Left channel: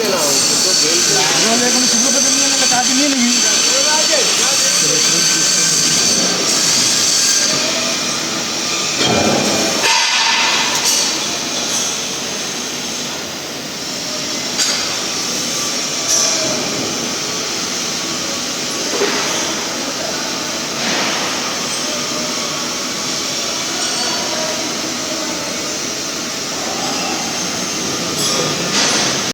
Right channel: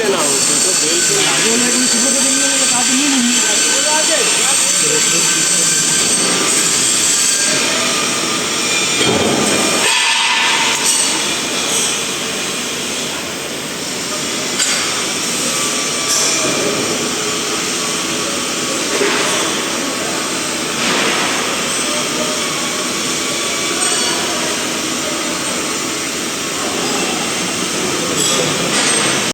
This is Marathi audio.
আসছে না ও কিন্তু বেল এখন সুব্রত নিয়ে কাজ নিয়ে নিবি।